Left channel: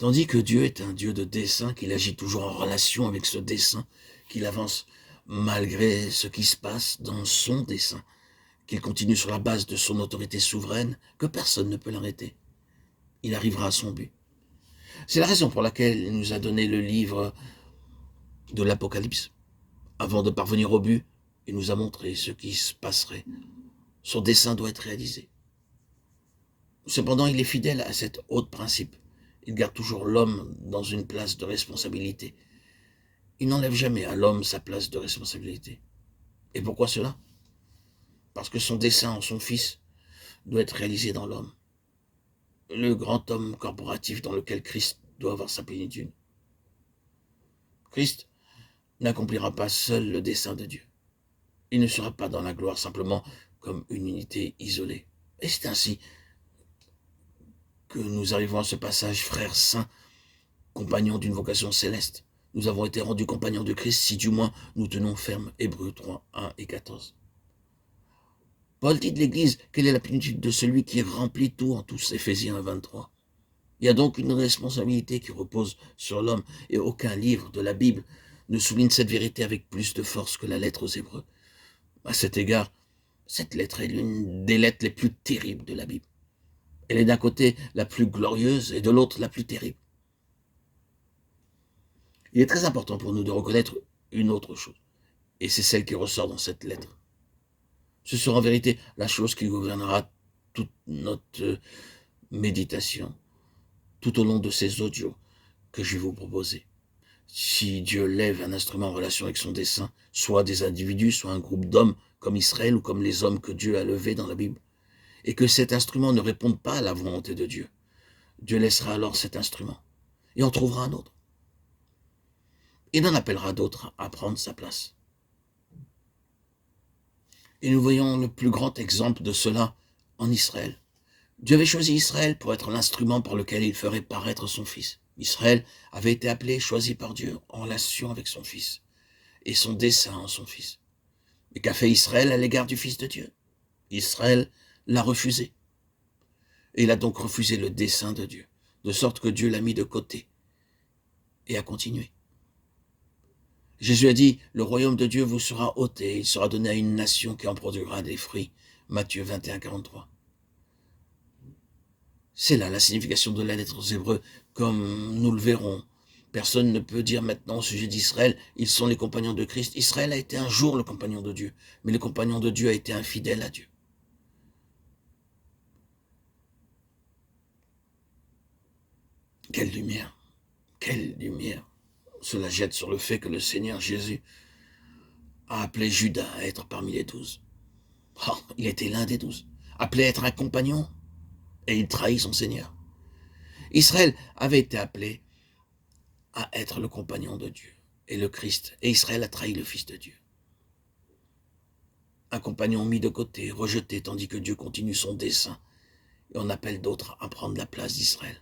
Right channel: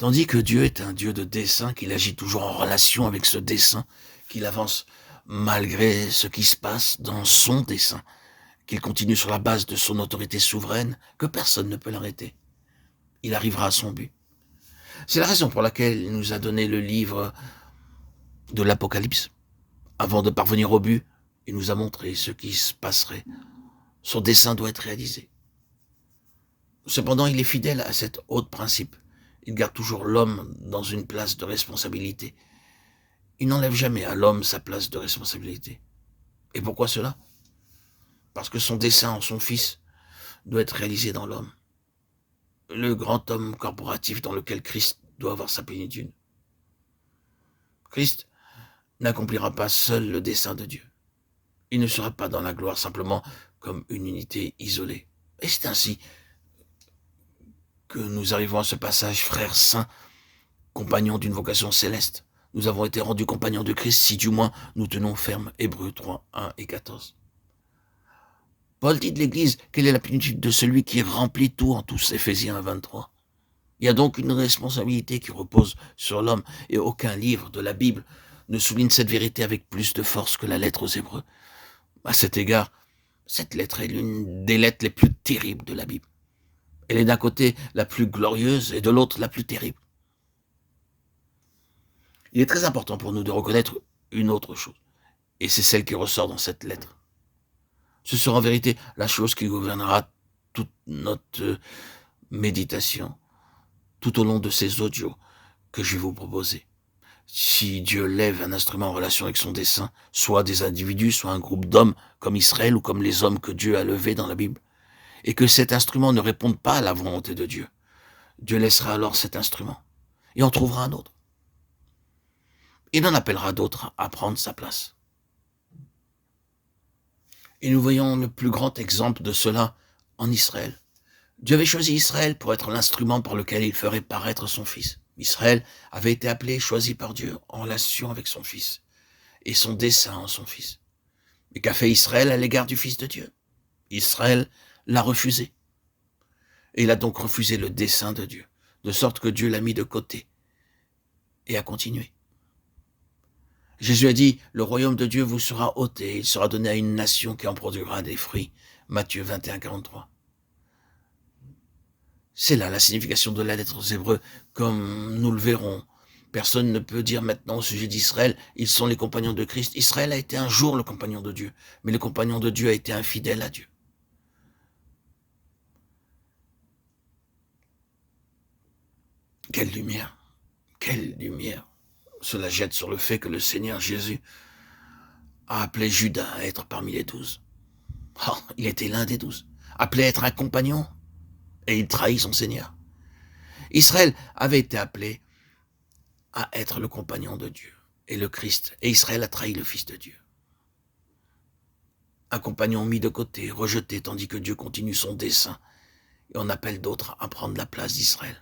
Tandis que Dieu est un Dieu de dessein, qu'il agit toujours en relation avec ce dessein, qu'il avance malgré ce qui se passe dans son dessein, qu'il continue sur la base de son autorité souveraine, que personne ne peut l'arrêter. Il arrivera à son but. C'est la raison pour laquelle il nous a donné le livre de l'Apocalypse. Avant de parvenir au but, il nous a montré ce qui se passerait. Son dessein doit être réalisé. Cependant, il est fidèle à cet haut principe. Il garde toujours l'homme dans une place de responsabilité. Il n'enlève jamais à l'homme sa place de responsabilité. Et pourquoi cela? Parce que son dessein en son Fils doit être réalisé dans l'homme. Le grand homme corporatif dans lequel Christ doit avoir sa plénitude. Christ n'accomplira pas seul le dessein de Dieu. Il ne sera pas dans la gloire simplement comme une unité isolée. Et c'est ainsi que nous arrivons à ce passage, frères saints, compagnons d'une vocation céleste. Nous avons été rendus compagnons de Christ si du moins nous tenons ferme. Hébreux 3, 1 et 14. Paul dit de l'Église quelle est la plénitude de celui qui remplit tout en tous, Éphésiens 1, 23. Il y a donc une responsabilité qui repose sur l'homme et aucun livre de la Bible ne souligne cette vérité avec plus de force que la lettre aux Hébreux. À cet égard, cette lettre est l'une des lettres les plus terribles de la Bible. Elle est d'un côté la plus glorieuse et de l'autre la plus terrible. Il est très important pour nous de reconnaître une autre chose, et c'est celle qui ressort dans cette lettre. Ce sera en vérité la chose qui gouvernera toute notre méditation, tout au long de ces audios que je vais vous proposer. Si Dieu lève un instrument en relation avec son dessein, soit des individus, soit un groupe d'hommes, comme Israël ou comme les hommes que Dieu a levés dans la Bible, et que cet instrument ne réponde pas à la volonté de Dieu, Dieu laissera alors cet instrument, et en trouvera un autre. Il en appellera d'autres à prendre sa place. Et nous voyons le plus grand exemple de cela en Israël. Dieu avait choisi Israël pour être l'instrument par lequel il ferait paraître son Fils. Israël avait été appelé, choisi par Dieu en relation avec son Fils et son dessein en son Fils. Mais qu'a fait Israël à l'égard du Fils de Dieu? Israël l'a refusé. Et il a donc refusé le dessein de Dieu, de sorte que Dieu l'a mis de côté et a continué. Jésus a dit, le royaume de Dieu vous sera ôté, il sera donné à une nation qui en produira des fruits. Matthieu 21, 43. C'est là la signification de la lettre aux Hébreux, comme nous le verrons. Personne ne peut dire maintenant au sujet d'Israël, ils sont les compagnons de Christ. Israël a été un jour le compagnon de Dieu, mais le compagnon de Dieu a été infidèle à Dieu. Quelle lumière, quelle lumière cela jette sur le fait que le Seigneur Jésus a appelé Judas à être parmi les 12. Oh, il était l'un des 12, appelé à être un compagnon, et il trahit son Seigneur. Israël avait été appelé à être le compagnon de Dieu et le Christ, et Israël a trahi le Fils de Dieu. Un compagnon mis de côté, rejeté, tandis que Dieu continue son dessein, et on appelle d'autres à prendre la place d'Israël.